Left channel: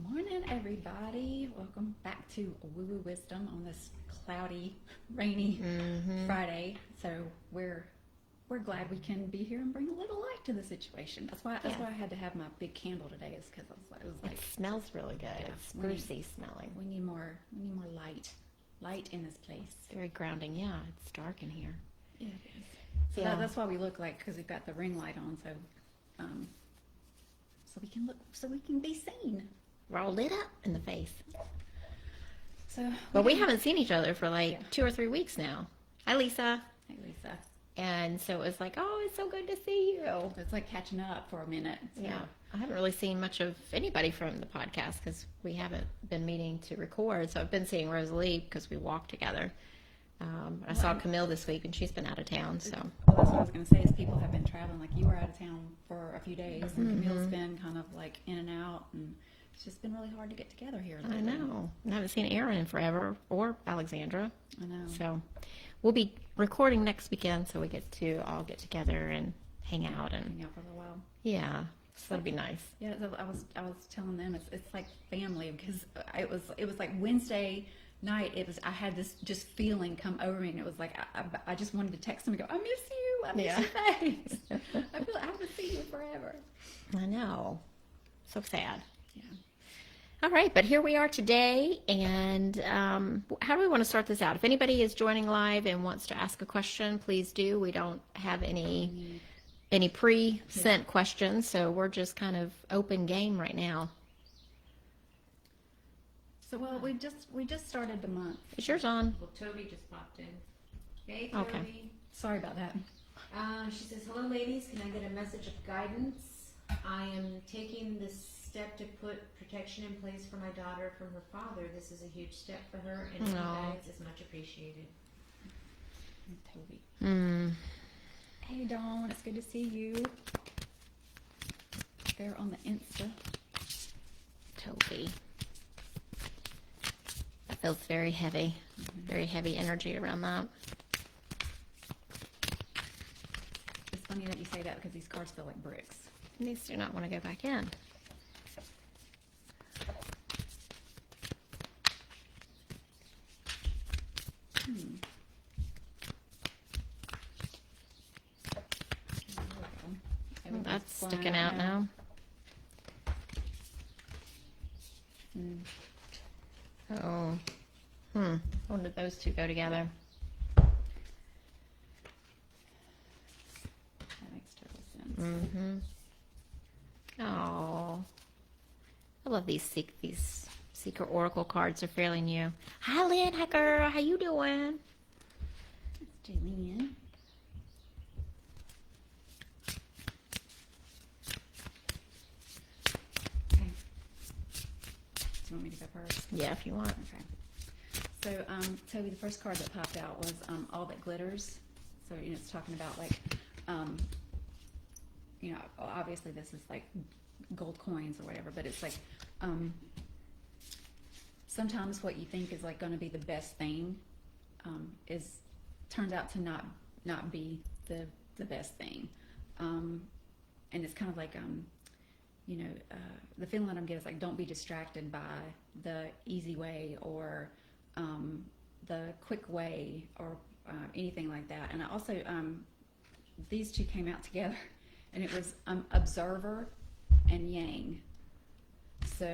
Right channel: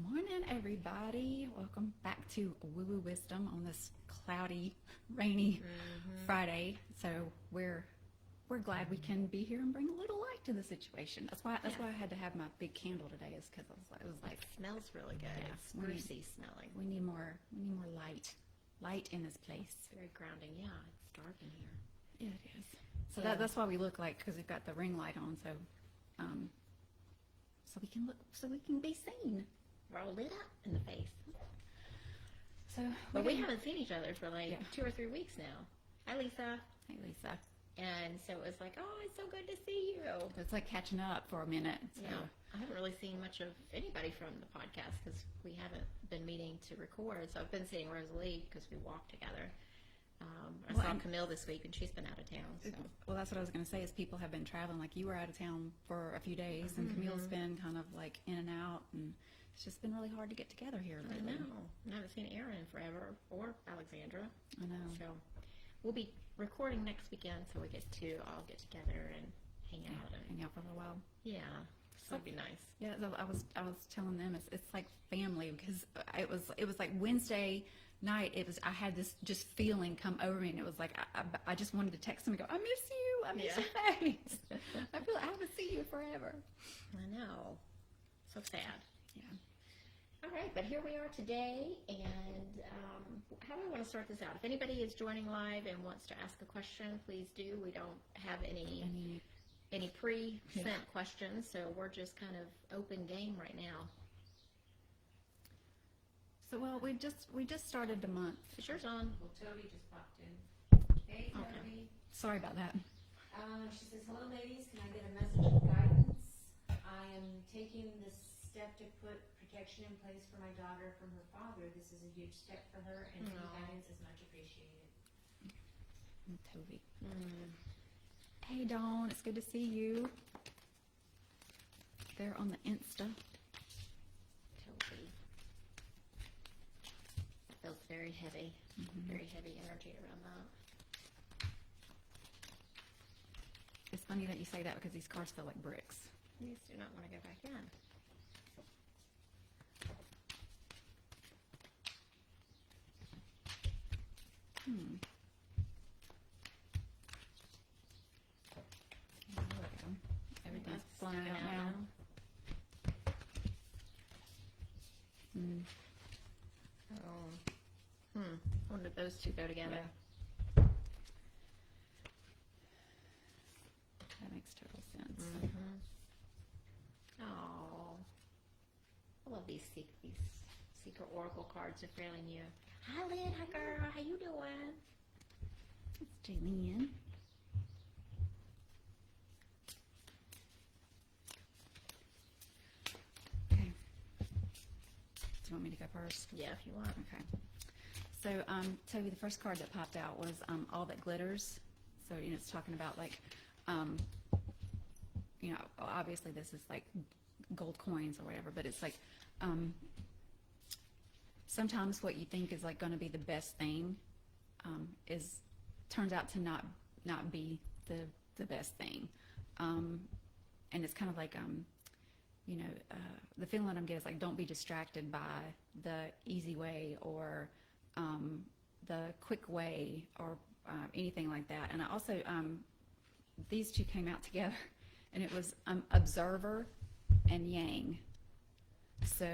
Morning, everybody. Welcome back to Woo Woo Wisdom on this cloudy, rainy Friday. So we're glad we can be here and bring a little light to the situation. That's why I had to have my big candle today. Is because it smells really good. It's sprucey smelling. We need more light in this place. Very grounding. Yeah, it's dark in here. Yeah, it is. So that's why we look like, because we've got the ring light on, so we can be seen. We're all lit up in the face. So, well, we haven't seen each other for 2 or 3 weeks now. Hi, Lisa. Hey, Lisa. And so it was like, oh, it's so good to see you. It's like catching up for a minute. So. Yeah. I haven't really seen much of anybody from the podcast because we haven't been meeting to record. So I've been seeing Rosalie because we walk together. I saw Camille this week, and she's been out of town. So what I was going to say is people have been traveling. Like you were out of town for a few days, and Camille's been kind of like in and out, and it's just been really hard to get together here. I know. I haven't seen Aaron in forever, or Alexandra. I know. So we'll be recording next weekend, so we get to all get together and hang out for a while. Yeah, so that'll be nice. Yeah, I was telling them it's like family, because it was like Wednesday night. I had this just feeling come over me, and it was like I just wanted to text them and go, I miss you. I miss your face. I haven't seen you forever. I know. So sad. Yeah. All right, but here we are today, and how do we want to start this out? If anybody is joining live and wants to ask a question, please do. We don't have any pre-sent questions, so we're just kind of open game right now. So, well, we just started the month. Is yours on? Well, Tovi just popped in. Hey, Tovi. Okay. Sorry about that. She says, hello, ladies. Can I get a message of guidance? I am taking this step to put protection in place for my daughter from her father. This is a huge step for her, and any guidance is much appreciated. Hey, Dawn. It's good to see you. There on the Insta. Tovi. That feels very heavy. Very heavy energy around that. It's funny that you say that, because these cards feel like bricks. These do not want to go back in. That's sticking out now. When did those two go together? That makes total sense. Oh, I love these secret oracle cards. Are fairly new. Hi, Lynn. Hi, girl. How you doing? Julian. Okay. Do you want me to go first? Yeah, if you want. Okay. So, Toby, the first card that popped out was All That Glitters. So, it's talking about, like, obviously this is like gold coins or whatever, but it's like sometimes what you think is like going to be the best thing turns out to not be the best thing, and it's kind of like the feeling that I'm getting is like, don't be distracted by the easy way or the quick way or anything like that. And I also these two came out together, and it was observer and yang. So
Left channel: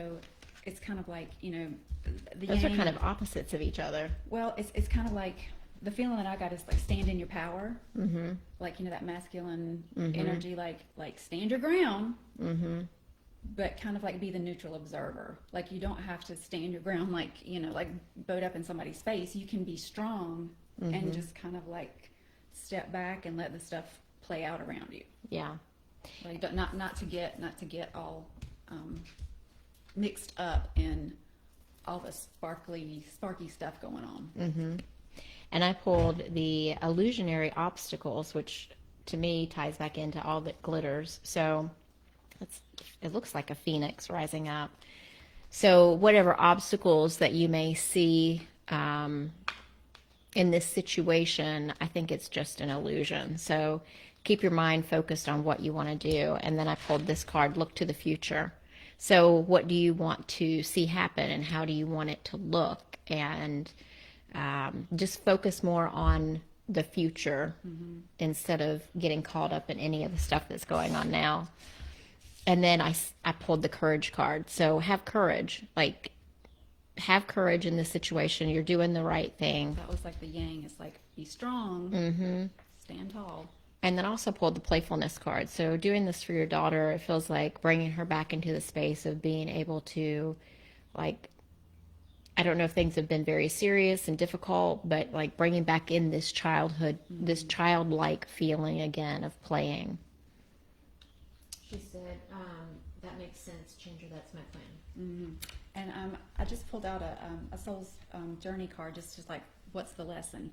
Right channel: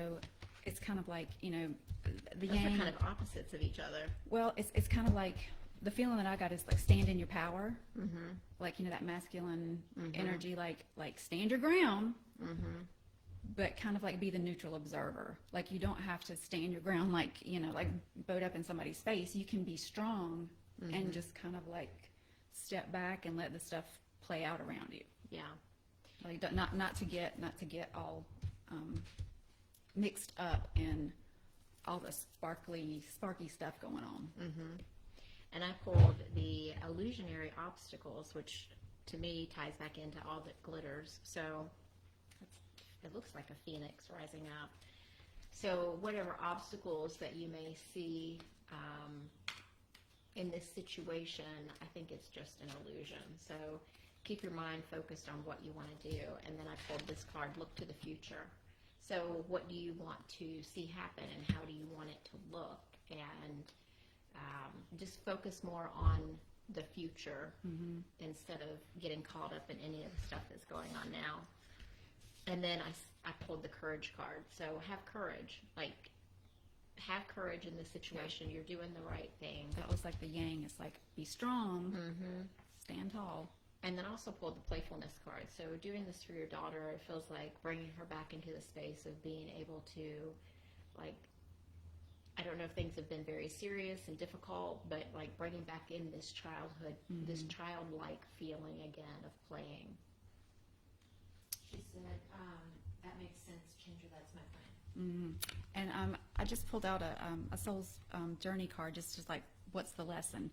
it's kind of like, those yang, are kind of opposites of each other. Well, it's kind of like, the feeling that I got is like, stand in your power. Like, that masculine energy, like stand your ground, but kind of like be the neutral observer. Like, you don't have to stand your ground like, like boat up in somebody's face. You can be strong and just kind of like step back and let the stuff play out around you. Yeah. Like, not to get all mixed up in all the sparky stuff going on. And I pulled the illusionary obstacles, which to me ties back into All That Glitters. So it looks like a phoenix rising up. So whatever obstacles that you may see in this situation, I think it's just an illusion. So keep your mind focused on what you want to do. And then I pulled this card, Look to the Future. So what do you want to see happen, and how do you want it to look? And just focus more on the future instead of getting caught up in any of the stuff that's going on now. And then I pulled the courage card. So have courage. Like, have courage in this situation. You're doing the right thing. That was like the yang. It's like, be strong, stand tall. And then also pulled the playfulness card. So doing this for your daughter, it feels like bringing her back into the space of being able to, like, I don't know if things have been very serious and difficult, but like bringing back in this childhood, this childlike feeling again of playing. She said, that makes sense, Chandra, that's my plan. And I just pulled out a soul's journey card, just like, what's the lesson?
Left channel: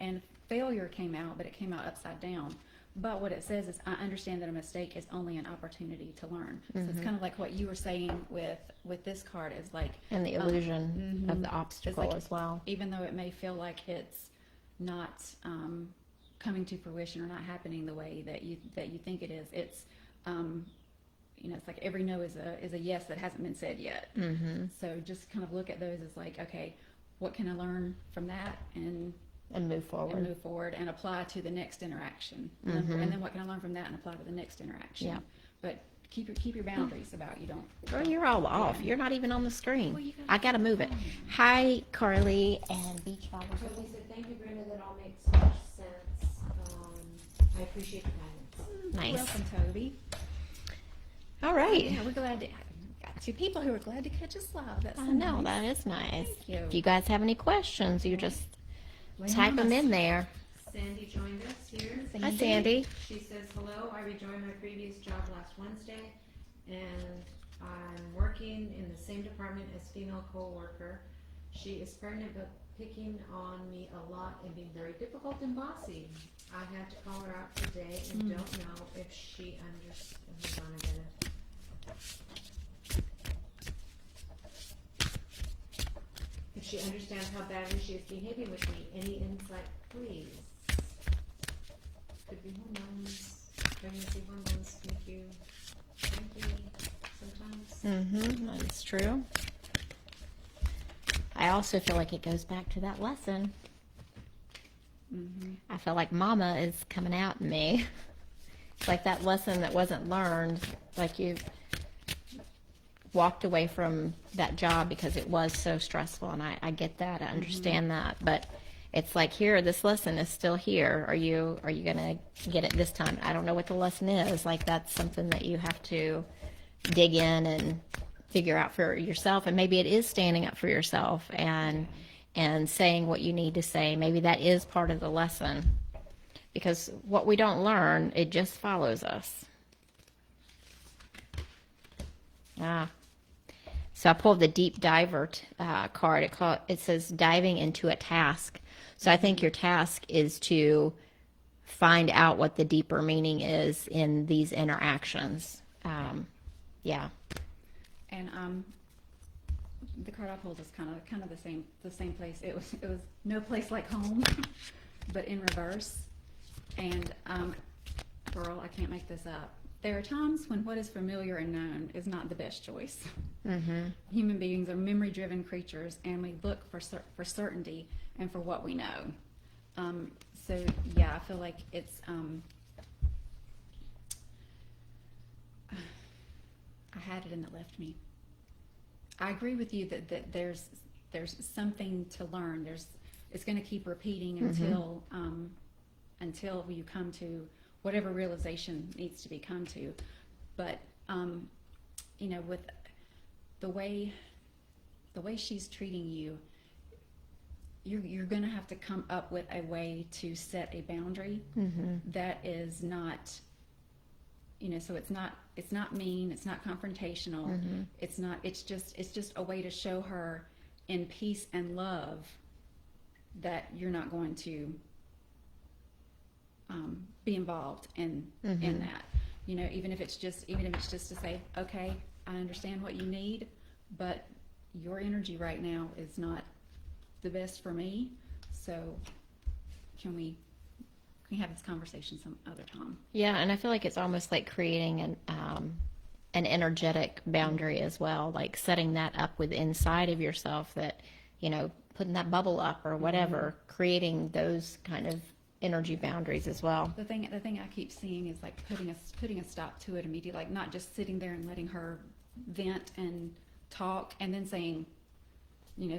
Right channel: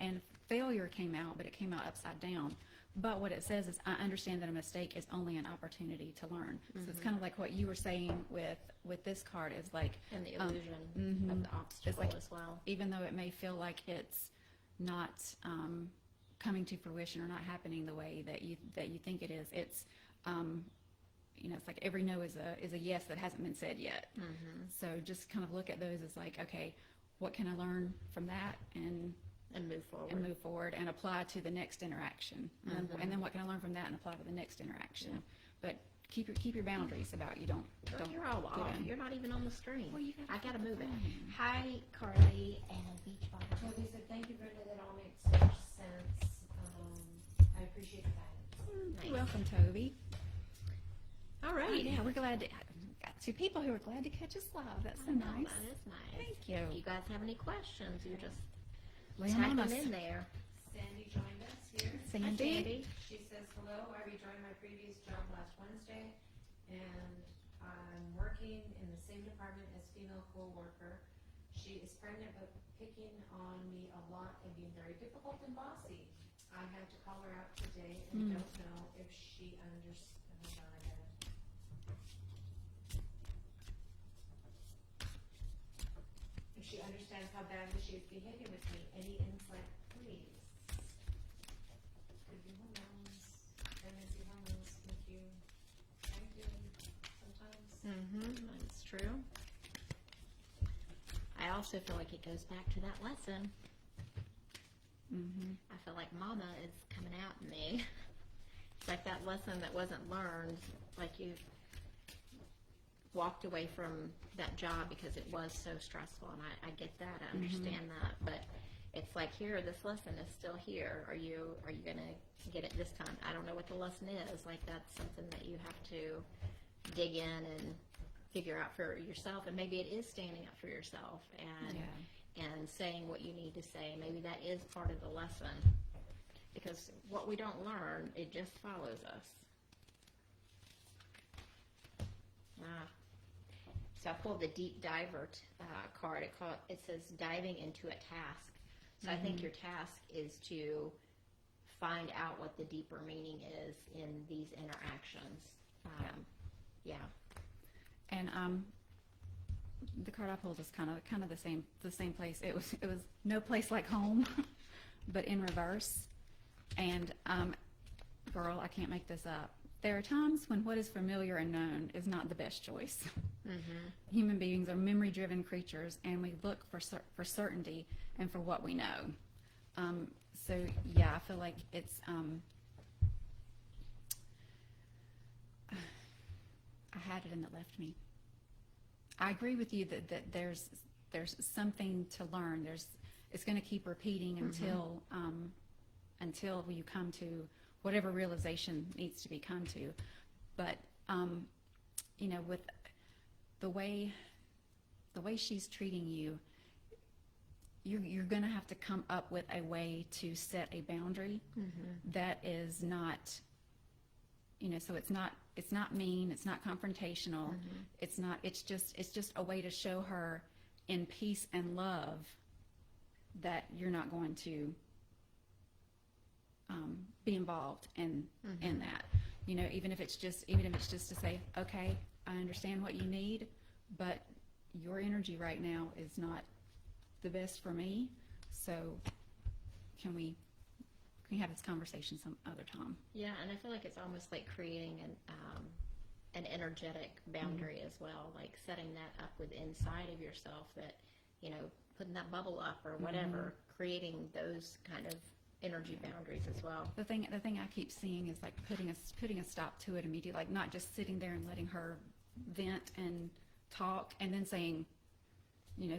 And failure came out, but it came out upside down. But what it says is, I understand that a mistake is only an opportunity to learn. So it's kind of like what you were saying with this card is like, And the illusion of the obstacle like, as well. even though it may feel like it's not coming to fruition or not happening the way that you think it is, it's it's like every no is a yes that hasn't been said yet. So just kind of look at those as like, okay, what can I learn from that And move forward. And apply to the next interaction. And then what can I learn from that and apply to the next interaction? Yeah. But keep your boundaries about you don't. Girl, you're all off. You're not even on the screen. I gotta move it. Hi, Carli and BeachBobble. Tovi said, thank you, Brenda, that all makes so much sense. I appreciate the guidance. Nice. Welcome, Tovi. All right. Yeah, we're glad to got two people who are glad to catch us live. That's I know, nice. that is nice. Thank you. If you guys have any questions, you just Lay type on them us. in there. Sandy joined us here. Hi, Sandy. She says, hello, I rejoined my previous job last Wednesday, and I'm working in the same department as female co-worker. She is pregnant but picking on me a lot and being very difficult and bossy. I had to call her out today and don't know if she understands. Hold on a minute. If she understands how badly she is behaving with me. Any insight, please? Could be hormones. Pregnancy hormones make you cranky sometimes. That's true. I also feel like it goes back to that lesson. I feel like Mama is coming out in me. It's like that lesson that wasn't learned. Like you walked away from that job because it was so stressful, and I get that. I understand that, but it's like, here, this lesson is still here. Are you gonna get it this time? I don't know what the lesson is. Like, that's something that you have to dig in and figure out for yourself. And maybe it is standing up for yourself and saying what you need to say. Maybe that is part of the lesson, because what we don't learn, it just follows us. So I pulled the deep diver card. It says diving into a task. So I think your task is to find out what the deeper meaning is in these interactions. Yeah. And the card I pulled is kind of the same place. It was no place like home, but in reverse. And girl, I can't make this up. There are times when what is familiar and known is not the best choice. Human beings are memory-driven creatures, and we look for certainty and for what we know. So yeah, I feel like it's. I had it and it left me. I agree with you that there's something to learn. It's going to keep repeating until you come to whatever realization needs to be come to. But with the way she's treating you, you're going to have to come up with a way to set a boundary that is not, so it's not mean, it's not confrontational, it's just a way to show her in peace and love that you're not going to be involved in that. Even if it's just to say, okay, I understand what you need, but your energy right now is not the best for me. So can we have this conversation some other time? Yeah, and I feel like it's almost like creating an energetic boundary as well, like setting that up with inside of yourself, that, you know, putting that bubble up or whatever, creating those kind of energy boundaries as well. The thing I keep seeing is like putting a stop to it immediately, like not just sitting there and letting her vent and talk and then saying, you know,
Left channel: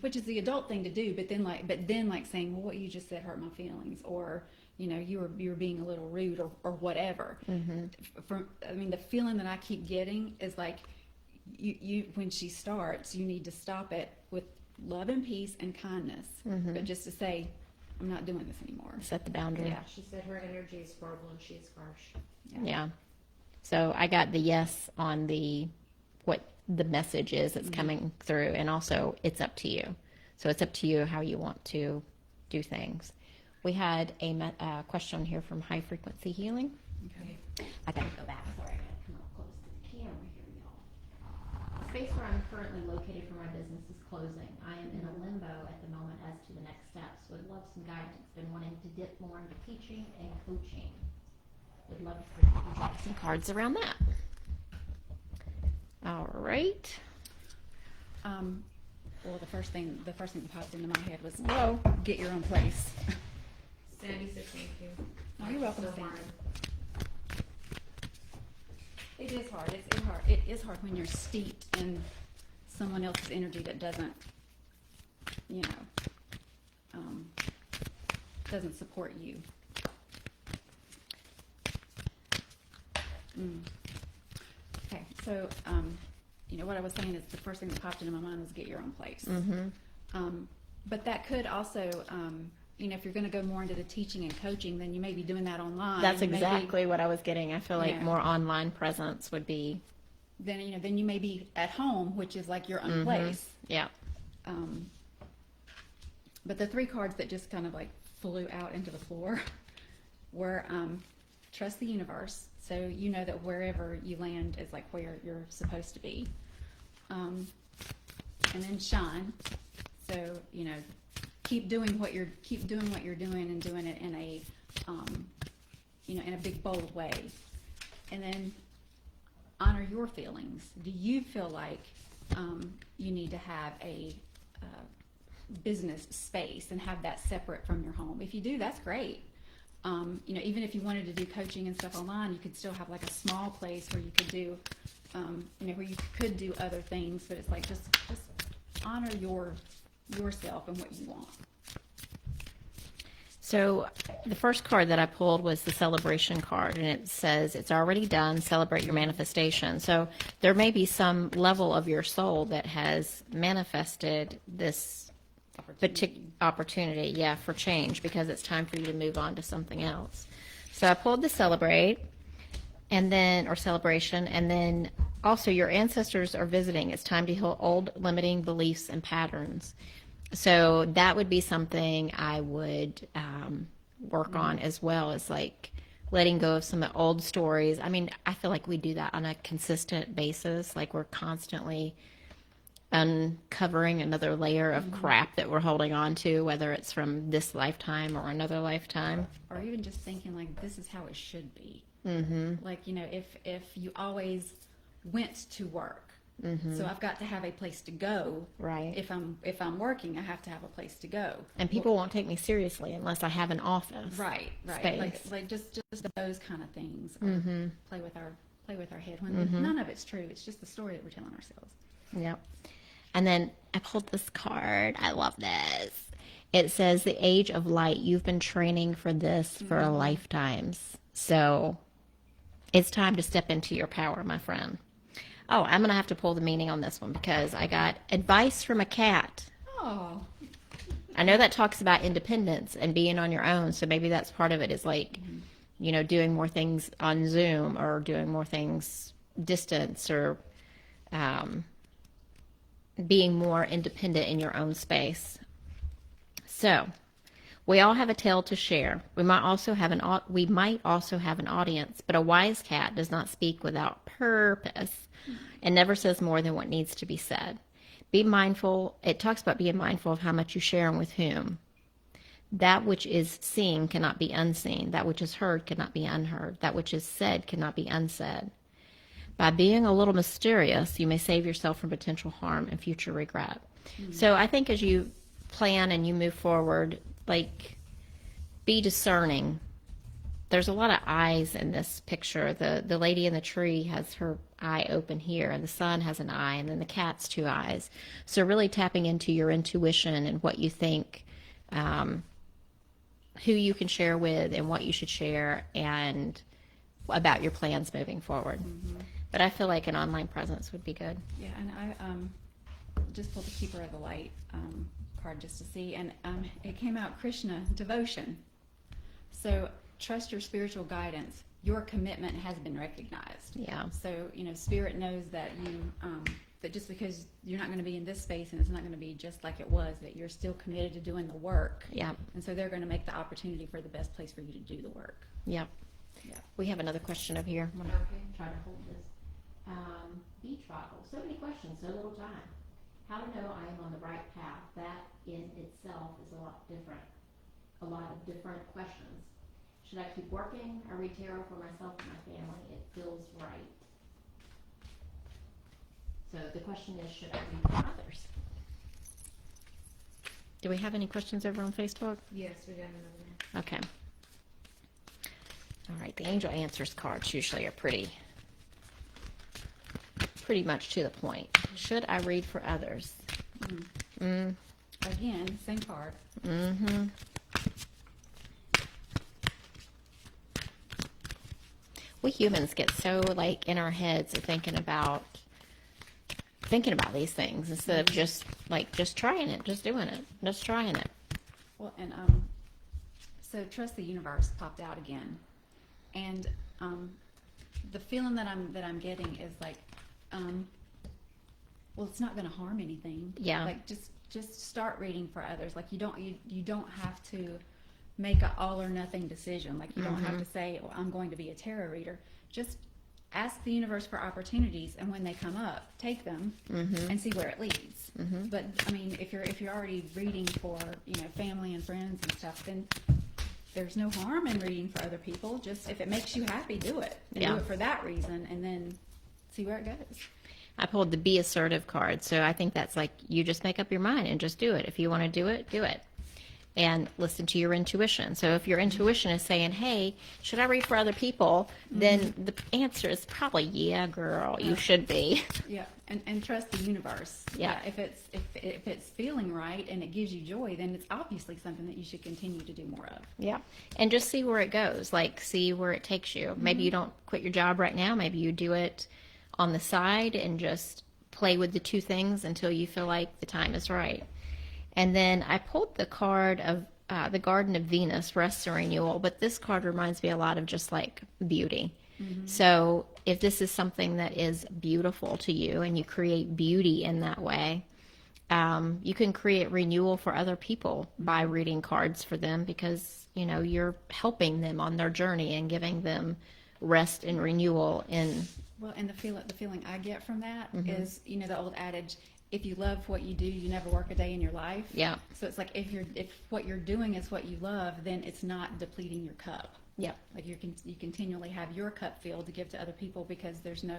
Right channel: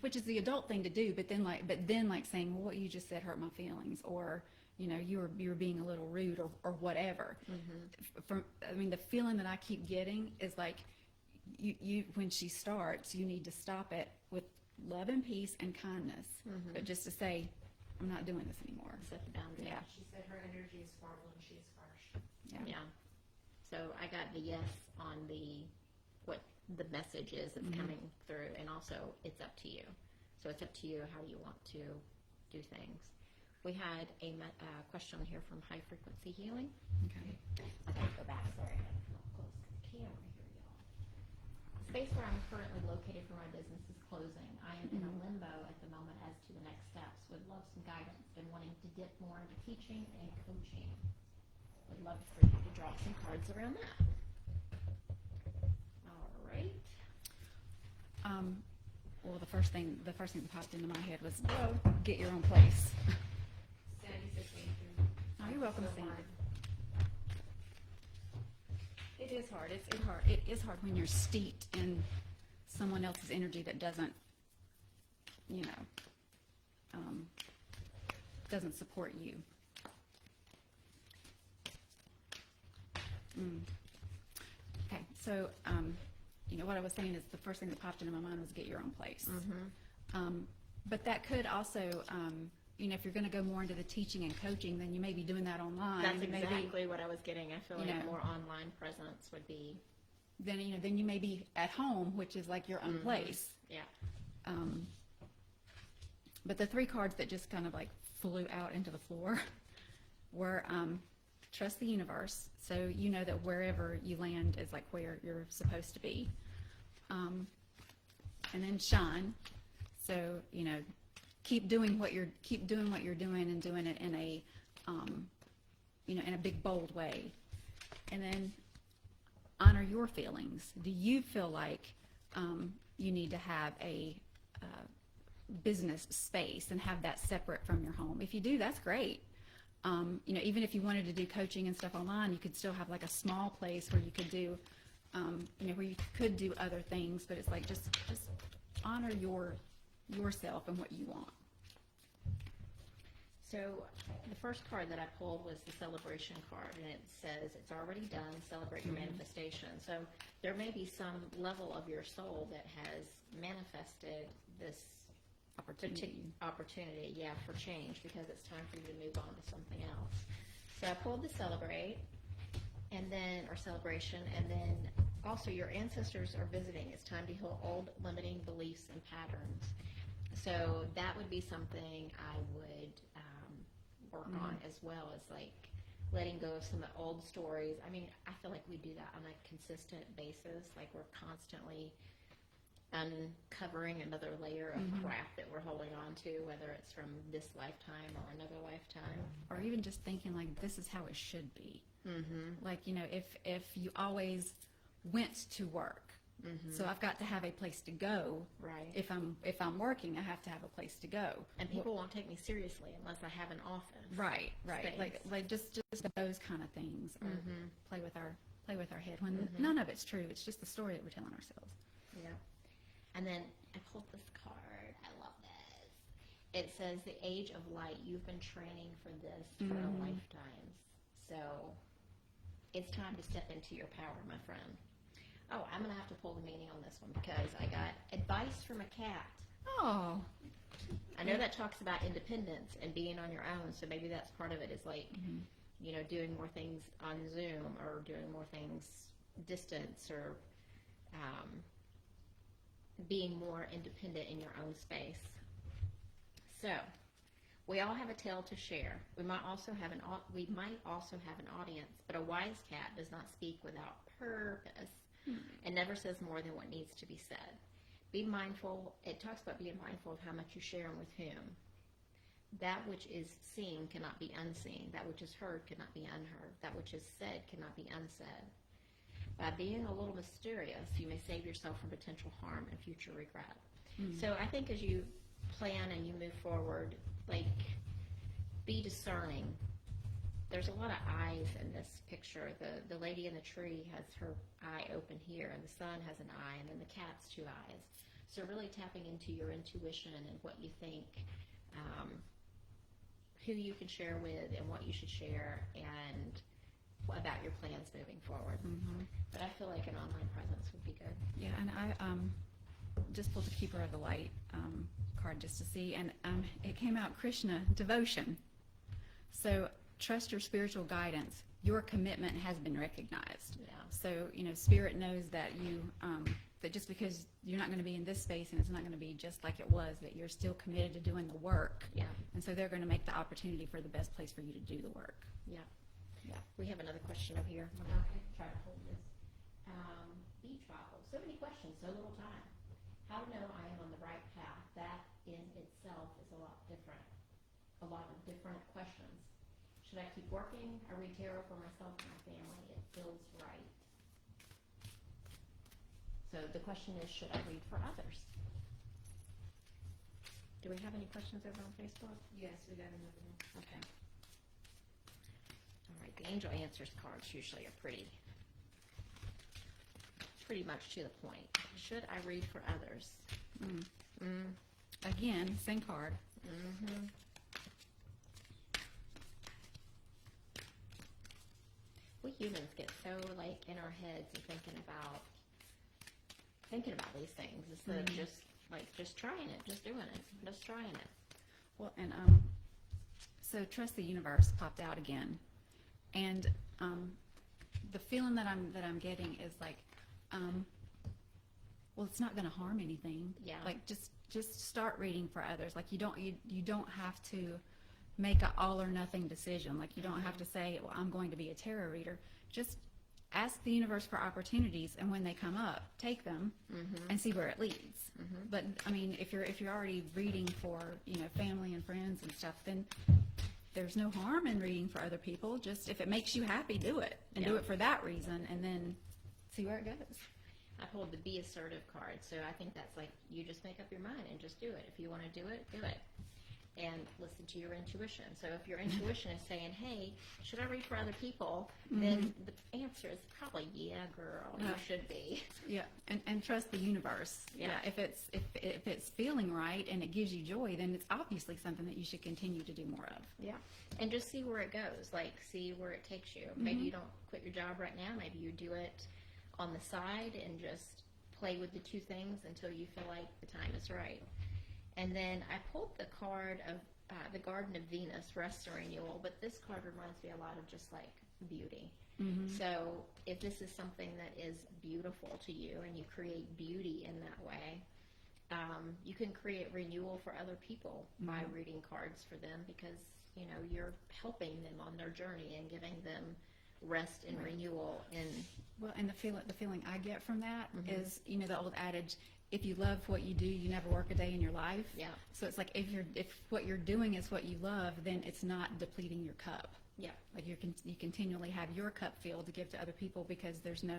which is the adult thing to do, but then like saying, well, what you just said hurt my feelings, or, you know, you were being a little rude, or whatever. I mean, the feeling that I keep getting is like, you when she starts, you need to stop it with love and peace and kindness, but just to say, I'm not doing this anymore. Set the boundary. Yeah, she said her energy is horrible and she's harsh. Yeah. So I got the yes on what the message is that's coming through, and also it's up to you. So it's up to you how you want to do things. We had a question here from High Frequency Healing. Okay. I gotta go back. Sorry, I gotta come up close to the camera here, y'all. The space where I'm currently located for my business is closing. I am in a limbo at the moment as to the next steps. Would love some guidance. Been wanting to dip more into teaching and coaching. Would love to get some cards around that. All right. Well, the first thing that popped into my head was, get your own place. Sandy said thank you. Oh, you're welcome, So Sandy. hard. It is hard. It's hard. It is hard when you're steeped in someone else's energy that doesn't, you know, doesn't support you. Okay, so you know what I was saying is the first thing that popped into my mind was get your own place. But that could also, you know, if you're going to go more into the teaching and coaching, then you may be doing that online. That's exactly what I was getting. I feel like more online presence would be. Then you may be at home, which is like your own place. Yeah. But the three cards that just kind of like flew out into the floor were trust the universe. So you know that wherever you land is like where you're supposed to be. And then shine. So, you know, keep doing what you're doing, and doing it in a you know, in a big bold way. And then honor your feelings. Do you feel like you need to have a business space and have that separate from your home? If you do, that's great. You know, even if you wanted to do coaching and stuff online, you could still have like a small place where you could do, you know, where you could do other things. So it's like just honor yourself and what you want. So the first card that I pulled was the celebration card, and it says it's already done. Celebrate your manifestation. So there may be some level of your soul that has manifested this opportunity, for change, because it's time for you to move on to something else. So I pulled the celebrate, or celebration, and then also your ancestors are visiting. It's time to heal old limiting beliefs and patterns. So that would be something I would work on as well, as like letting go of some of the old stories. I mean, I feel like we do that on a consistent basis. Like we're constantly uncovering another layer of crap that we're holding on to, whether it's from this lifetime or another lifetime. Or even just thinking like, this is how it should be. Like, you know, if you always went to work, so I've got to have a place to go. Right. If I'm working, I have to have a place to go. And people won't take me seriously unless I have an office. Right. Space. Like just those kind of things. Play with our head when none of it's true. It's just the story that we're telling ourselves. Yep. And then I pulled this card. I love this. It says the age of light. You've been training for this for lifetimes. So it's time to step into your power, my friend. Oh, I'm going to have to pull the meaning on this one because I got advice from a cat. Oh. I know that talks about independence and being on your own. So maybe that's part of it, is like, you know, doing more things on Zoom or doing more things distance, or being more independent in your own space. So we all have a tale to share. We might also have an audience, but a wise cat does not speak without purpose and never says more than what needs to be said. Be mindful. It talks about being mindful of how much you share and with whom. That which is seen cannot be unseen. That which is heard cannot be unheard. That which is said cannot be unsaid. By being a little mysterious, you may save yourself from potential harm and future regret. So I think as you plan and you move forward, like, be discerning. There's a lot of eyes in this picture. The lady in the tree has her eye open here, and the sun has an eye, and then the cat's 2 eyes. So really tapping into your intuition and what you think, who you can share with and what you should share, and about your plans moving forward. But I feel like an online presence would be good. Yeah, and I just pulled the Keeper of the Light card just to see, and it came out Krishna, devotion. So trust your spiritual guidance. Your commitment has been recognized. Yeah. So, Spirit knows that you, that just because you're not going to be in this space and it's not going to be just like it was, that you're still committed to doing the work. Yeah. And so they're going to make the opportunity for the best place for you to do the work. Yep. Yeah. We have another question over here. I'm gonna try to hold this. BeachBobble. So many questions, so little time. How to know I am on the right path? That in itself is a lot of different questions. Should I keep working? I read tarot for myself and my family. It feels right. So the question is, should I read for others? Do we have any questions over on Facebook? Yes, we got another one. Okay. All right, the angel answers cards usually are pretty much to the point. Should I read for others? Again, same card. We humans get so like in our heads of thinking about these things instead of just trying it, just doing it, just trying it. Well, and so trust the universe popped out again, and the feeling that I'm getting is like, well, it's not going to harm anything. Yeah. Like just start reading for others. Like you don't have to make an all or nothing decision. Like you don't have to say, well, I'm going to be a tarot reader. Just ask the universe for opportunities, and when they come up, take them and see where it leads. But I mean, if you're already reading for family and friends and stuff, then there's no harm in reading for other people. Just if it makes you happy, do it. And do it for that reason, and then see where it goes. I pulled the be assertive card, so I think that's like you just make up your mind and just do it. If you want to do it, do it. And listen to your intuition. So if your intuition is saying, hey, should I read for other people? Then the answer is probably, yeah, girl, you should be. Yeah, and trust the universe. Yeah. If it's feeling right and it gives you joy, then it's obviously something that you should continue to do more of. Yeah. And just see where it goes. Like, see where it takes you. Maybe you don't quit your job right now. Maybe you do it on the side and just play with the two things until you feel like the time is right. And then I pulled the card of the Garden of Venus, Rest and Renewal, but this card reminds me a lot of just like beauty. So if this is something that is beautiful to you and you create beauty in that way, you can create renewal for other people by reading cards for them because, you're helping them on their journey and giving them rest and renewal in. Well, and the feeling I get from that is, the old adage, if you love what you do, you never work a day in your life. Yeah. So it's like if what you're doing is what you love, then it's not depleting your cup. Yeah. Like you continually have your cup filled to give to other people because there's no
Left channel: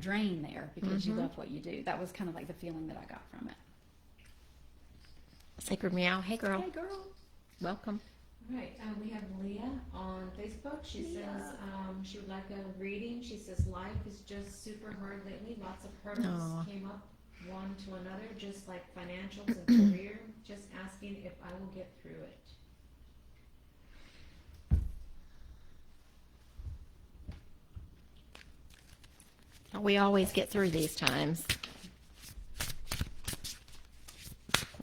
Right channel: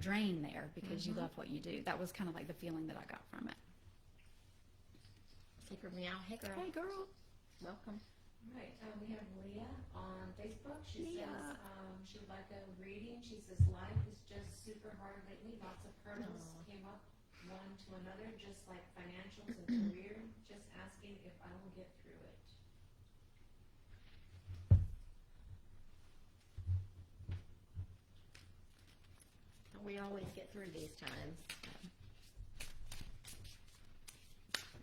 drain there because you love what you do. That was kind of like the feeling that I got from it. SacredMeow. Hey, girl. Hey, girl. Welcome. Right, we have Leah on Facebook. She says she would like a reading. She says life is just super hard lately. Lots of hurdles came up one to another, just like financials and career. Just asking if I will get through it. We always get through these times.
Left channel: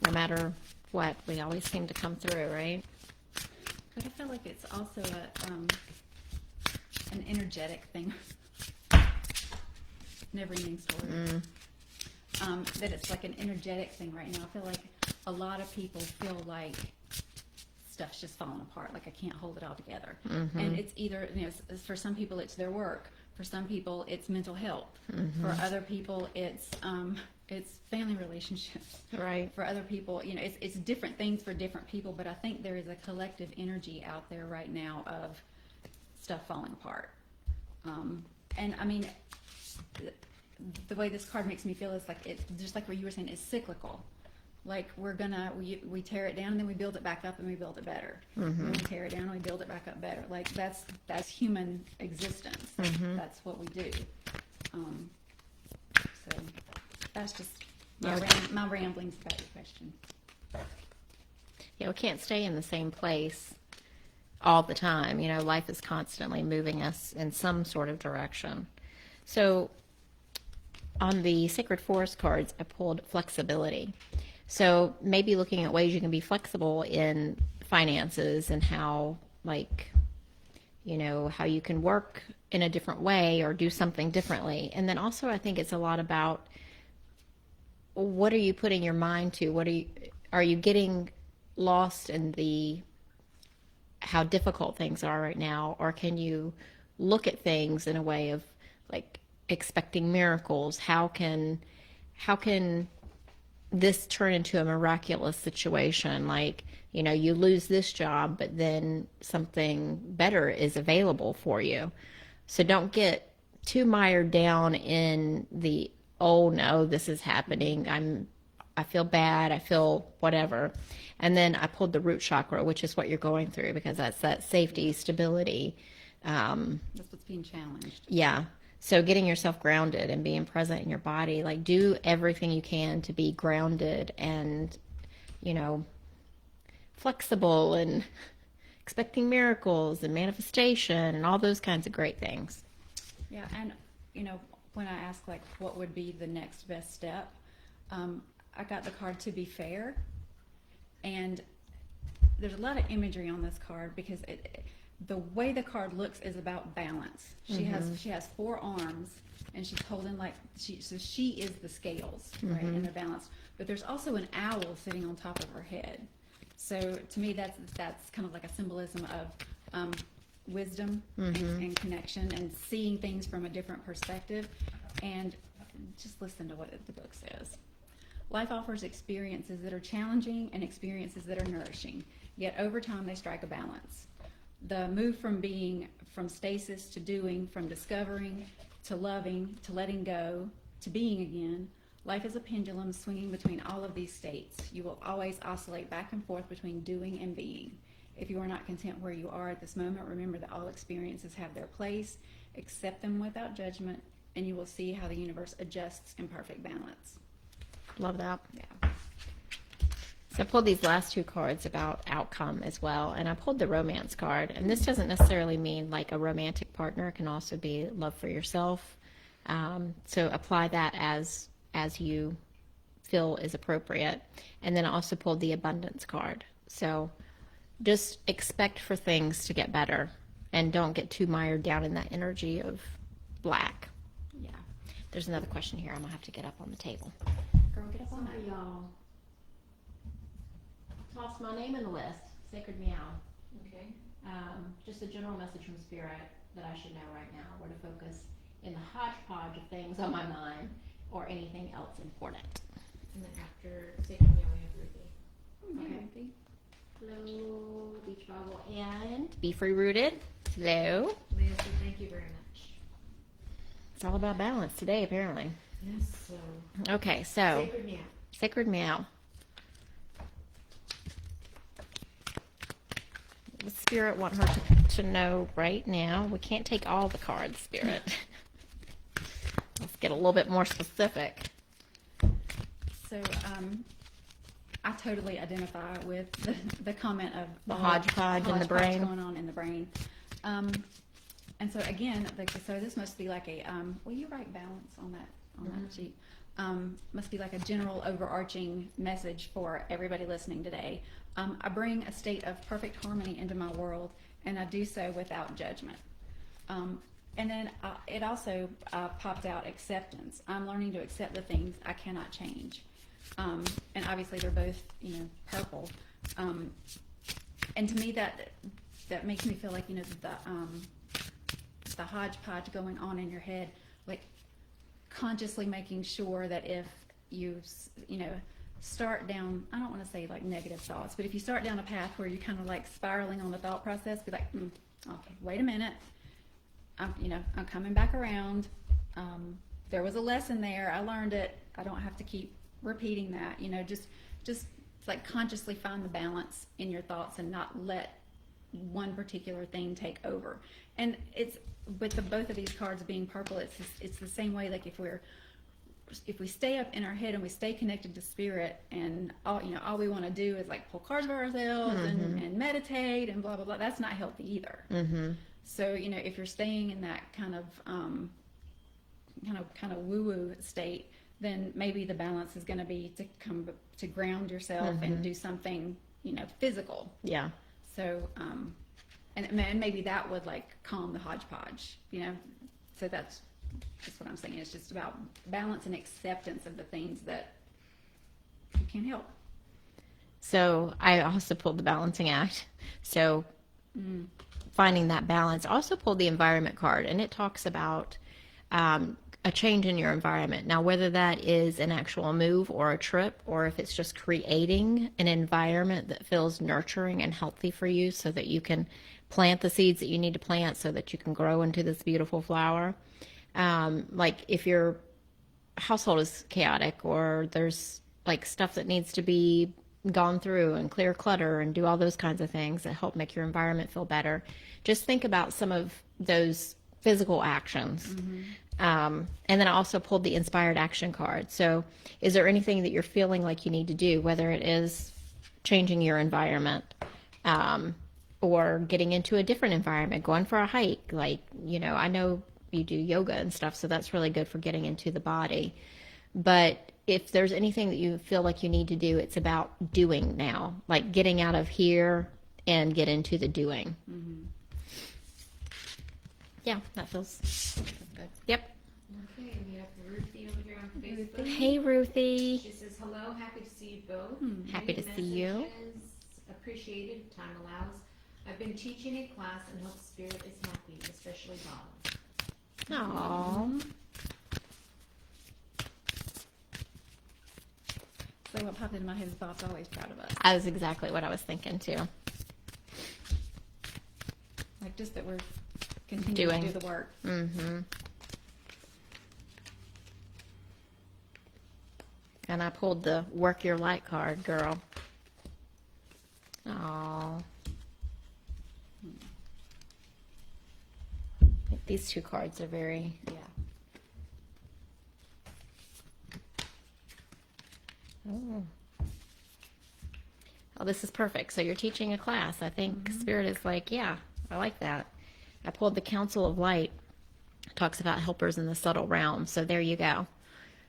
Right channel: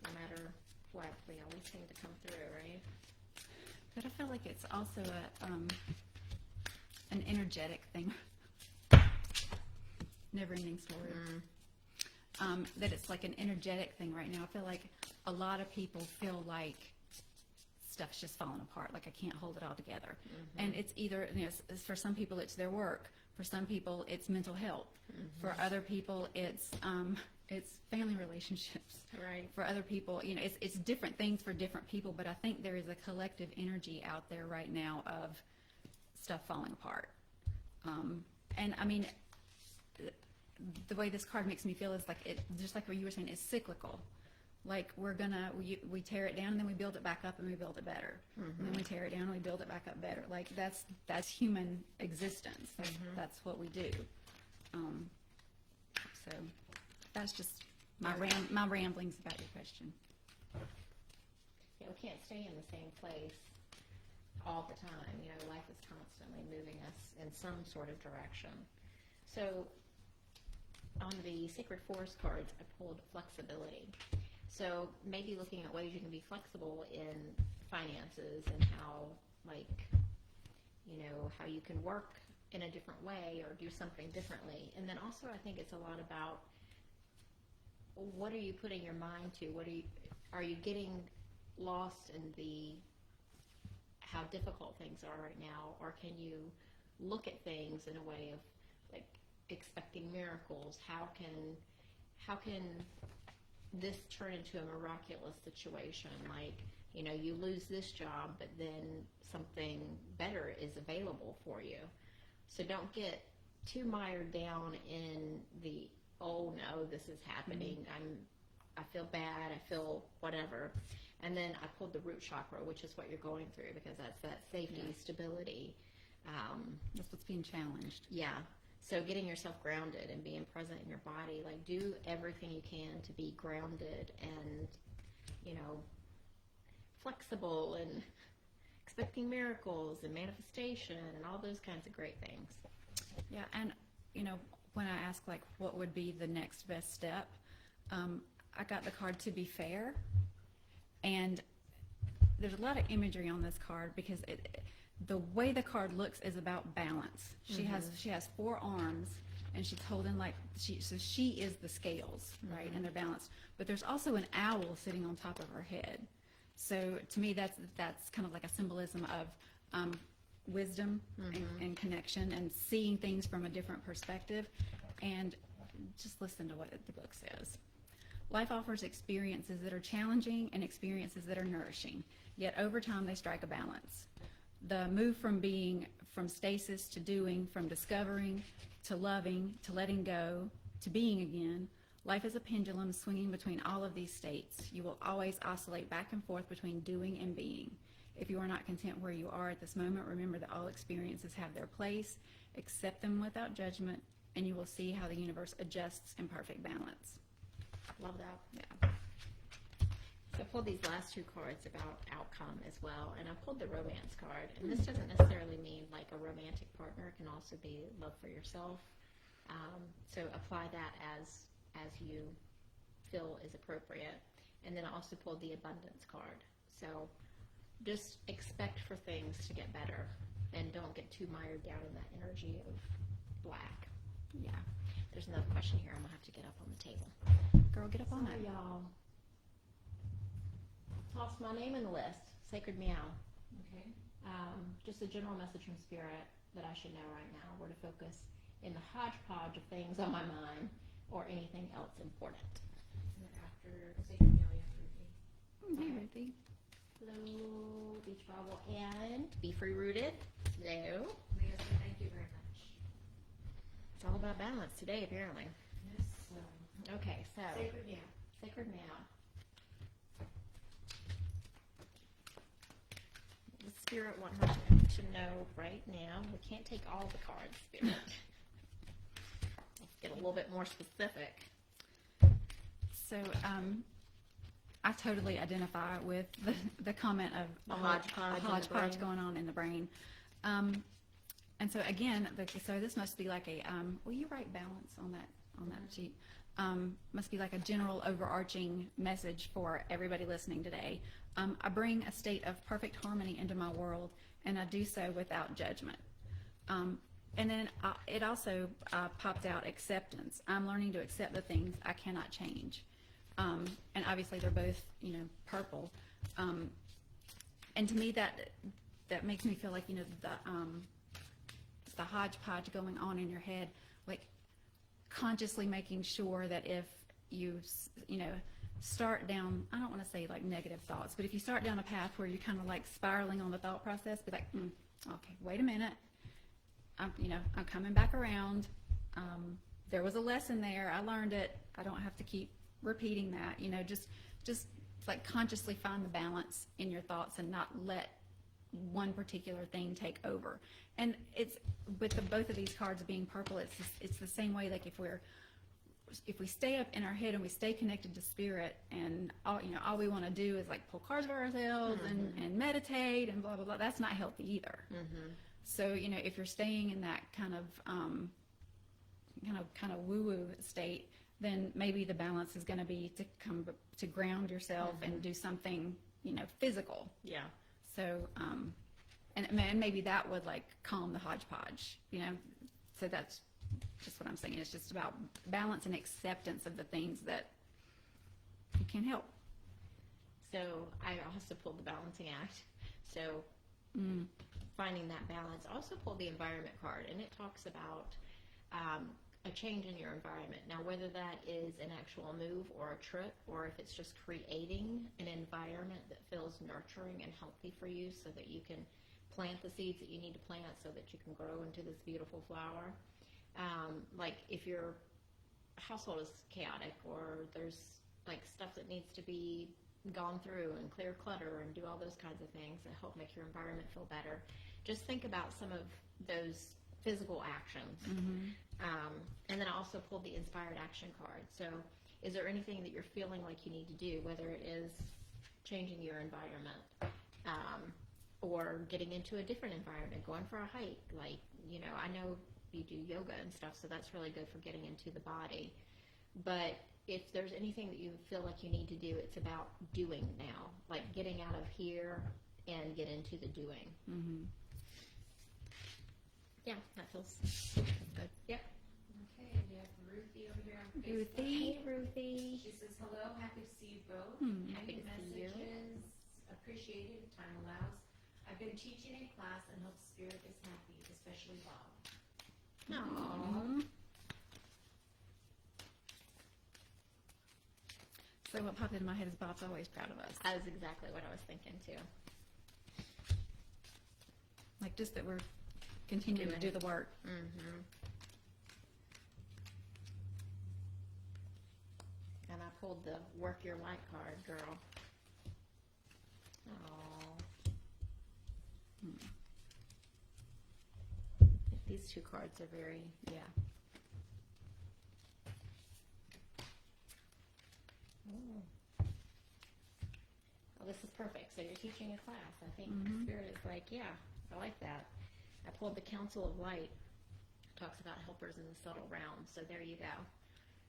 No matter what, we always seem to come through, right? But I feel like it's also an energetic thing. Never-ending story. That it's like an energetic thing right now. I feel like a lot of people feel like stuff's just falling apart. Like I can't hold it all together. And it's either, for some people it's their work. For some people it's mental health. For other people it's family relationships. Right. For other people, it's different things for different people, but I think there is a collective energy out there right now of stuff falling apart. And I mean, the way this card makes me feel is like it, just like what you were saying, it's cyclical. Like we tear it down and then we build it back up and we build it better. Mm-hmm. We tear it down and we build it back up better. Like that's human existence. Mm-hmm. That's what we do. So that's just my ramblings about your question. Yeah, we can't stay in the same place all the time. You know, life is constantly moving us in some sort of direction. So on the Sacred Forest cards, I pulled flexibility. So maybe looking at ways you can be flexible in finances and how, like, you know, how you can work in a different way or do something differently. And then also I think it's a lot about what are you putting your mind to? Are you getting lost in how difficult things are right now, or can you look at things in a way of like expecting miracles? How can this turn into a miraculous situation? Like, you know, you lose this job, but then something better is available for you. So don't get too mired down in the, oh no, this is happening. I feel bad. I feel whatever. And then I pulled the root chakra, which is what you're going through, because that's that safety, stability. That's what's being challenged. Yeah. So getting yourself grounded and being present in your body, like do everything you can to be grounded and, you know, flexible and expecting miracles and manifestation and all those kinds of great things. Yeah. And, you know, when I ask like what would be the next best step, I got the card to be fair. And there's a lot of imagery on this card because the way the card looks is about balance. She has 4 arms and she's holding so she is the scales, right, and they're balanced. But there's also an owl sitting on top of her head. So to me, that's kind of like a symbolism of wisdom and connection and seeing things from a different perspective. And just listen to what the book says. Life offers experiences that are challenging and experiences that are nourishing. Yet over time, they strike a balance. The move from stasis to doing, from discovering to loving to letting go to being again. Life is a pendulum swinging between all of these states. You will always oscillate back and forth between doing and being. If you are not content where you are at this moment, remember that all experiences have their place. Accept them without judgment, and you will see how the universe adjusts in perfect balance. Love that. Yeah. So I pulled these last 2 cards about outcome as well, and I pulled the romance card. And this doesn't necessarily mean like a romantic partner. It can also be love for yourself. So apply that as you feel is appropriate. And then I also pulled the abundance card. So just expect for things to get better and don't get too mired down in that energy of black. Yeah. There's another question here. I'm going to have to get up on the table. Girl, get up on Sorry, that. y'all. Toss my name in the list. SacredMeow. Okay. Just a general message from Spirit that I should know right now, where to focus in the hodgepodge of things on my mind or anything else important. And then after SacredMeow, we have Ruthie. Okay. Hello, BeachBobble and Be Free Rooted. Hello. Leah, so thank you very much. It's all about balance today, apparently. Yes, so. Okay, so SacredMeow. SacredMeow. The Spirit want her to know right now. We can't take all the cards, Spirit. Let's get a little bit more specific. So, I totally identify with the comment of The hodgepodge in the brain. going on in the brain. And so again, so this must be like a, will you write balance on that sheet? Must be like a general overarching message for everybody listening today. I bring a state of perfect harmony into my world, and I do so without judgment. And then it also popped out acceptance. I'm learning to accept the things I cannot change. And obviously they're both, purple. And to me that makes me feel like, the hodgepodge going on in your head, like consciously making sure that if you, start down, I don't want to say like negative thoughts, but if you start down a path where you're kind of like spiraling on the thought process, be like, okay, wait a minute. I'm coming back around. there was a lesson there. I learned it. I don't have to keep repeating that. You know, just like consciously find the balance in your thoughts and not let one particular thing take over. And it's with both of these cards being purple, it's the same way. Like if we stay up in our head and we stay connected to spirit, and all we want to do is like pull cards for ourselves and meditate and blah blah blah. That's not healthy either. So if you're staying in that kind of woo woo state, then maybe the balance is going to be to ground yourself and do something physical. Yeah. So and maybe that would like calm the hodgepodge. So that's what I'm saying. It's just about balance and acceptance of the things that you can't help. So I also pulled the balancing act. So finding that balance. Also pulled the environment card, and it talks about a change in your environment. Now, whether that is an actual move or a trip, or if it's just creating an environment that feels nurturing and healthy for you so that you can plant the seeds that you need to plant so that you can grow into this beautiful flower. Like if your household is chaotic, or there's like stuff that needs to be gone through and clear clutter and do all those kinds of things that help make your environment feel better, just think about some of those physical actions. And then I also pulled the inspired action card. So is there anything that you're feeling like you need to do, whether it is changing your environment, or getting into a different environment, going for a hike? Like, I know you do yoga and stuff, so that's really good for getting into the body. But if there's anything that you feel like you need to do, it's about doing now, like getting out of here and get into the doing. Yeah, that feels good. Yep. Okay, and we have Ruthie over here on Facebook. Hey, Ruthie. She says, hello, happy to see you both. Happy to see you. Messages appreciated, if time allows. I've been teaching a class and hope Spirit is happy, especially Bob. Aww. So what popped into my head is Bob's always proud of us. That was exactly what I was thinking too. Like just that we're continuing to do the work. And I pulled the work your light card, girl. Aww. These two cards are very, Oh, this is perfect. So you're teaching a class. I think Spirit is like, yeah, I like that. I pulled the Council of Light. It talks about helpers in the subtle realm. So there you go.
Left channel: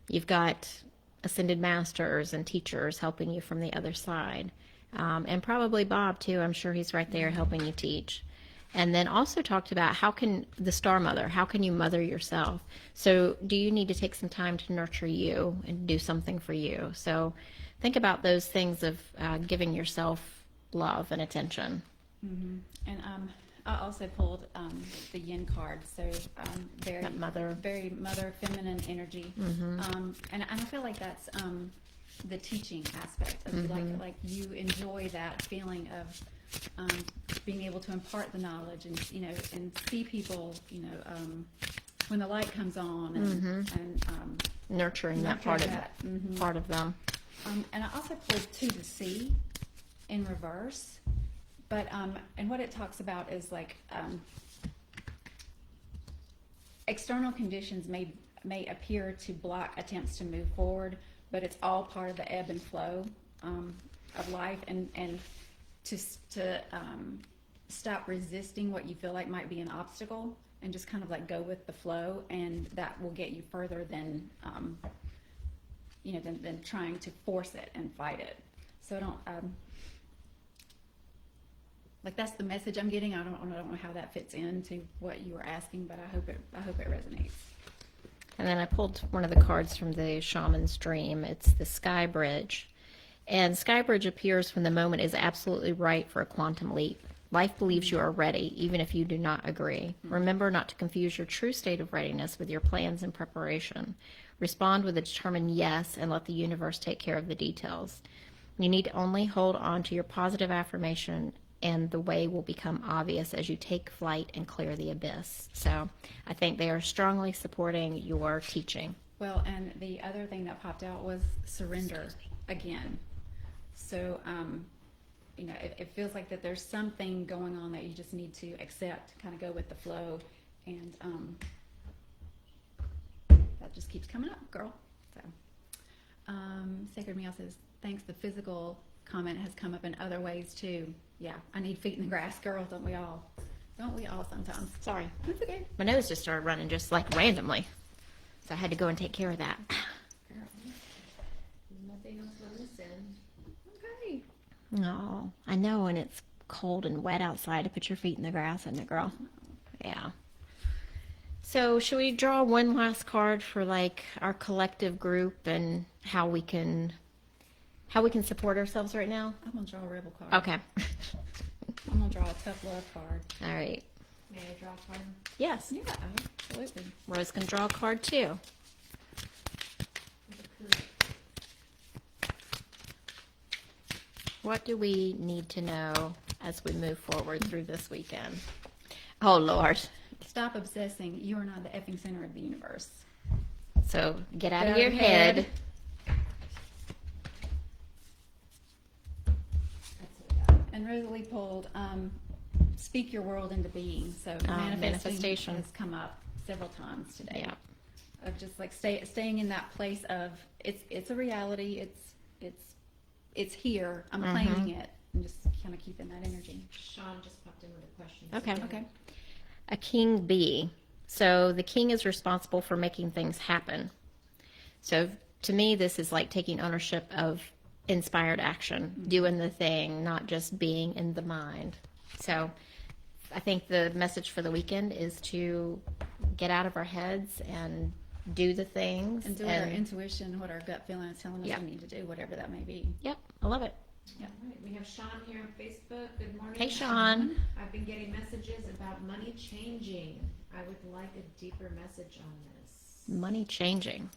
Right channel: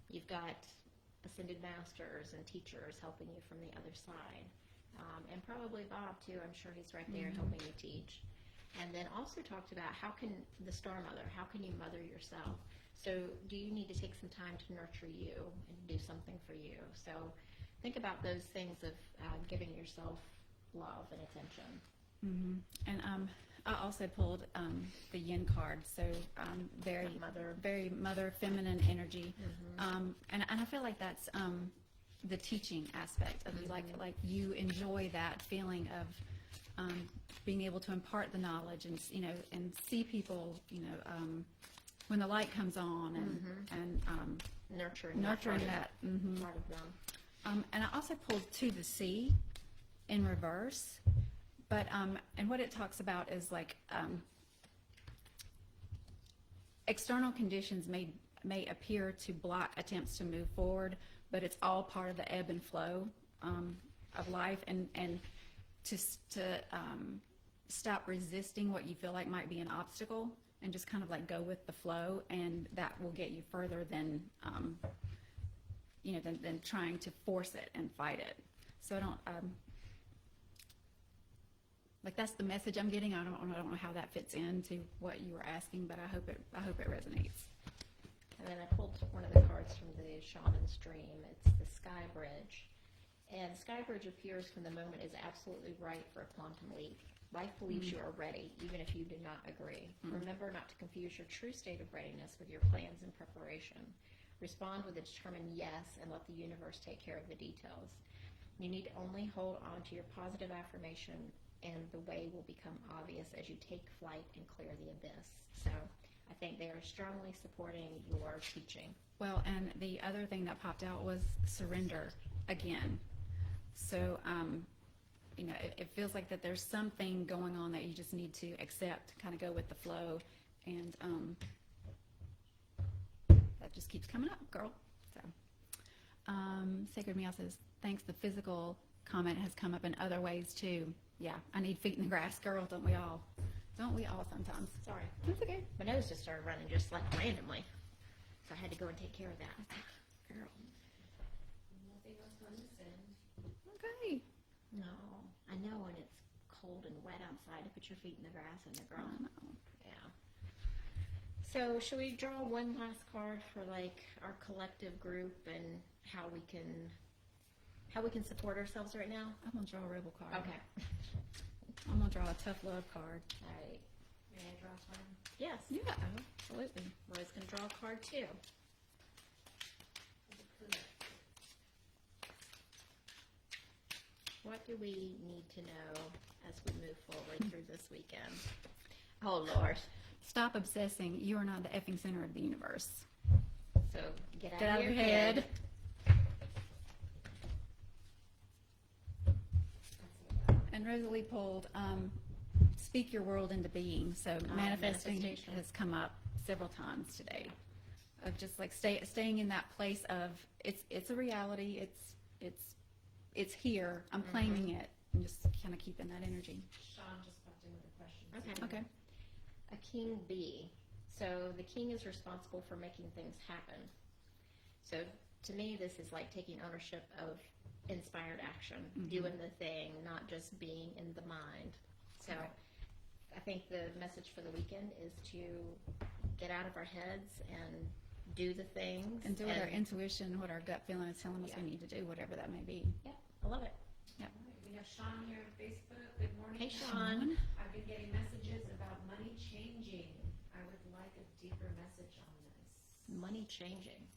You've got ascended masters and teachers helping you from the other side. And probably Bob too. I'm sure he's right there helping you teach. And then also talked about how can you mother yourself? So do you need to take some time to nurture you and do something for you? So think about those things of giving yourself love and attention. And I also pulled the yin card, so very mother feminine energy. And I feel like that's the teaching aspect of it. Like you enjoy that feeling of being able to impart the knowledge and and see people when the light comes on and nurturing that part of part of them. And I also pulled to the sea in reverse, but and what it talks about is like external conditions may appear to block attempts to move forward, but it's all part of the ebb and flow of life, and to stop resisting what you feel like might be an obstacle and just kind of like go with the flow, and that will get you further than than trying to force it and fight it. So I don't like that's the message I'm getting. I don't know how that fits into what you were asking, but I hope it resonates. And then I pulled one of the cards from the Shaman's Dream. It's the Sky Bridge. And Sky Bridge appears when the moment is absolutely right for a quantum leap. Life believes you are ready, even if you do not agree. Remember not to confuse your true state of readiness with your plans and preparation. Respond with a determined yes and let the universe take care of the details. You need to only hold on to your positive affirmation and the way will become obvious as you take flight and clear the abyss. So I think they are strongly supporting your teaching. Well, and the other thing that popped out was surrender again. So, it feels like that there's something going on that you just need to accept, kind of go with the flow, and that just keeps coming up, girl. So, SacredMeow says, thanks, the physical comment has come up in other ways too. Yeah, I need feet in the grass, girl, don't we all? Don't we all sometimes? Sorry. It's okay. My nose just started running just like randomly. So I had to go and take care of that. Nothing else on this end. Okay. No, I know when it's cold and wet outside to put your feet in the grass, isn't it, girl? Yeah. So should we draw one last card for like our collective group and how we can support ourselves right now? I'm going to draw a rebel card. Okay. I'm going to draw a tough love card. All right. May I draw a card? Yes. Yeah, absolutely. Rose can draw a card too. What do we need to know as we move forward through this weekend? Oh, Lord. Stop obsessing. You are not the effing center of the universe. So get out Get of out your of head. head. And Rosalie pulled speak your world into being. So manifestation has come up several times today. Yeah. Of just like staying in that place of it's a reality. It's here. I'm claiming it. And just kind of keeping that energy. Shaun just popped in with a question. Okay. Okay. A king bee. So the king is responsible for making things happen. So to me, this is like taking ownership of inspired action, doing the thing, not just being in the mind. So I think the message for the weekend is to get out of our heads and do the things. And do what our intuition, what our gut feeling is telling us Yeah. we need to do, whatever that may be. Yep, I love it. All right, we have Shaun here on Facebook. Good morning. Hey, Shaun. I've been getting messages about money changing. I would like a deeper message on this. Money changing.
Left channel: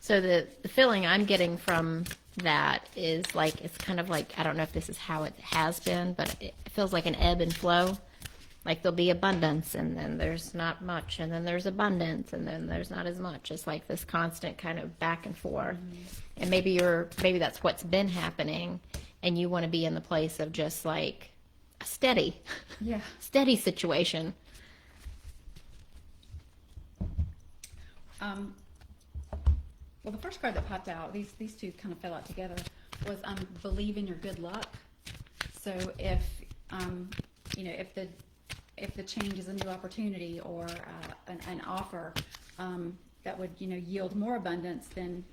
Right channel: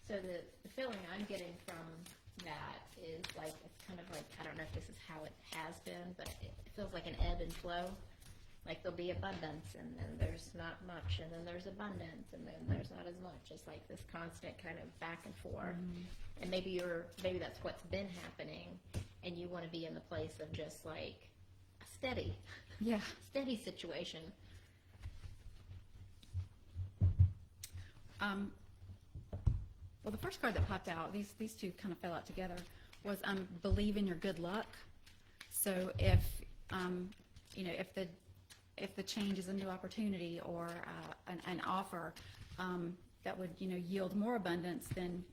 So the feeling I'm getting from that is like, it's kind of like, I don't know if this is how it has been, but it feels like an ebb and flow. Like there'll be abundance and then there's not much and then there's abundance and then there's not as much. It's like this constant kind of back and forth. And maybe that's what's been happening and you want to be in the place of just like a steady situation. Well, the first card that popped out, these two kind of fell out together, was believe in your good luck. So if the change is a new opportunity or an offer that would yield more abundance, then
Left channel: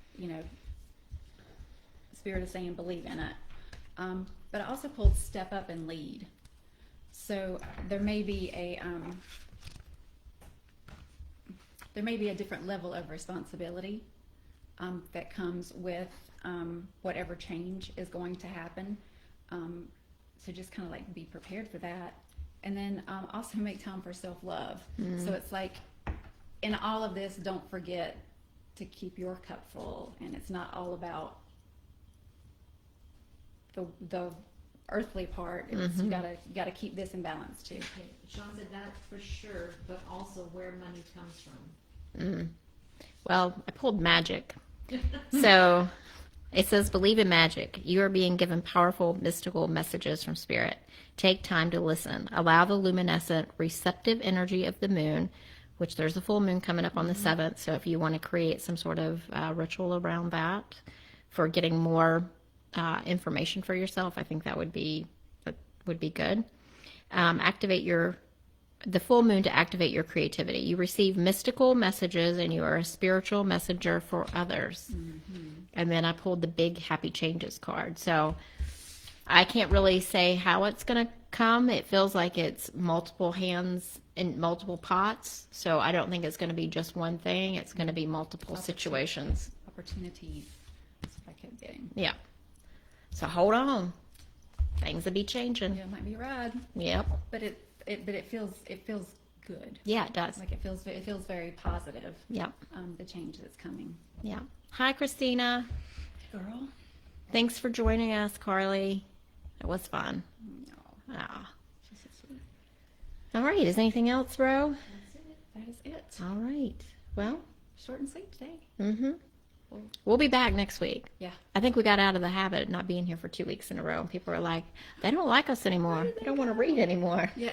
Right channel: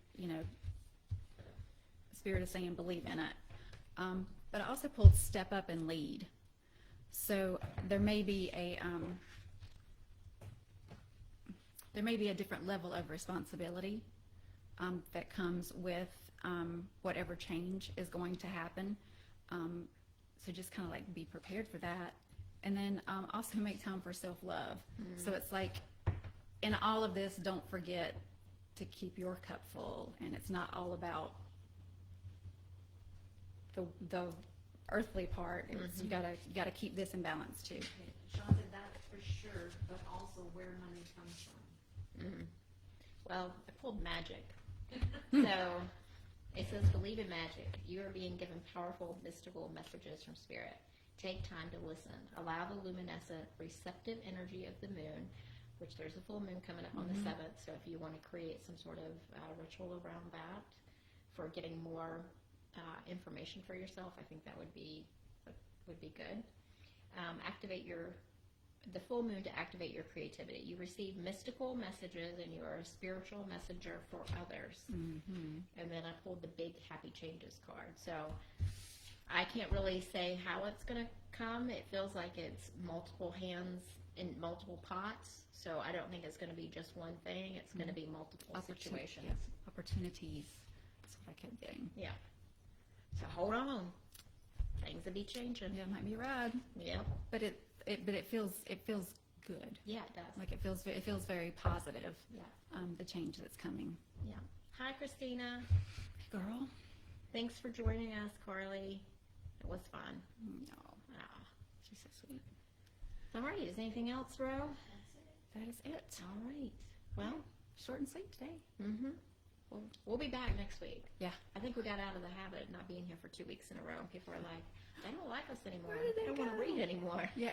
Spirit is saying believe in it. But I also pulled step up and lead. So there may be a different level of responsibility that comes with whatever change is going to happen. So just kind of like be prepared for that. And then also make time for self-love. So it's like in all of this, don't forget to keep your cup full. And it's not all about the earthly part. It's, you gotta keep this in balance too. Okay. Shaun said that for sure, but also where money comes from. Well, I pulled magic. So it says, believe in magic. You are being given powerful, mystical messages from Spirit. Take time to listen. Allow the luminescent, receptive energy of the moon, which there's a full moon coming up on the 7th. So if you want to create some sort of ritual around that for getting more information for yourself, I think that would be good. Activate the full moon to activate your creativity. You receive mystical messages and you are a spiritual messenger for others. And then I pulled the big happy changes card. So I can't really say how it's going to come. It feels like it's multiple hands in multiple pots. So I don't think it's going to be just one thing. It's going to be multiple situations. Opportunities. That's what I kept getting. Yeah. So hold on. Things will be changing. Yeah, it might be a ride. Yep. But it feels good. Yeah, it does. Like it feels very positive. Yep. The change that's coming. Yeah. Hi, Christina. Girl. Thanks for joining us, Carli. It was fun. No. Ah. She's so sweet. All right. Is anything else, bro? That is it. All right. Well. Short and sweet today. Mm-hmm. We'll be back next week. Yeah. I think we got out of the habit of not being here for 2 weeks in a row. And people are like, they don't like us anymore. They don't want to read anymore. Yeah,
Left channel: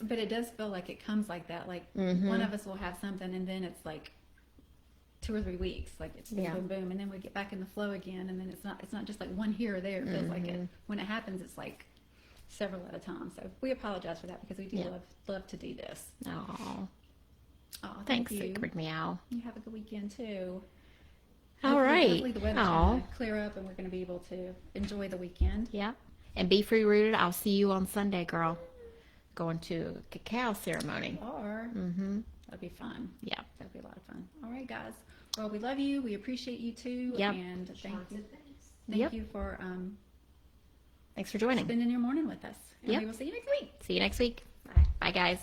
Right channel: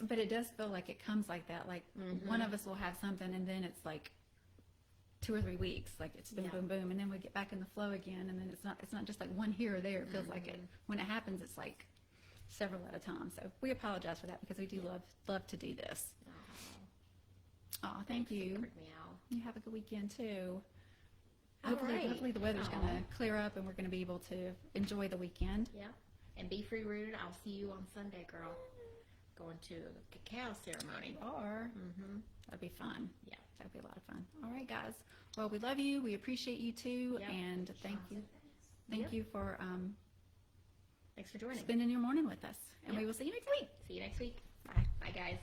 but it does feel like it comes like that. Like one of us will have something, and then it's like 2 or 3 weeks. Like it's just boom, boom, and then we get back in the flow again, and then it's not just like one here or there. It feels like it. When it happens, it's like several at a time. So we apologize for that because we do love to do this. Oh, thanks, Thank you. SacredMeow. You have a good weekend too. All right. Hopefully the weather's going to clear up and we're going to be able to enjoy the weekend. Yeah. And be free rooted. I'll see you on Sunday, girl. Going to a cacao ceremony. Or that'll be fun. Yeah. That'll be a lot of fun. All right, guys. Well, we love you. We appreciate you too. Yep. And thank you for thanks for joining. spending your morning with us. And Yep. we will see you next week. See you next week. Bye. Bye, guys.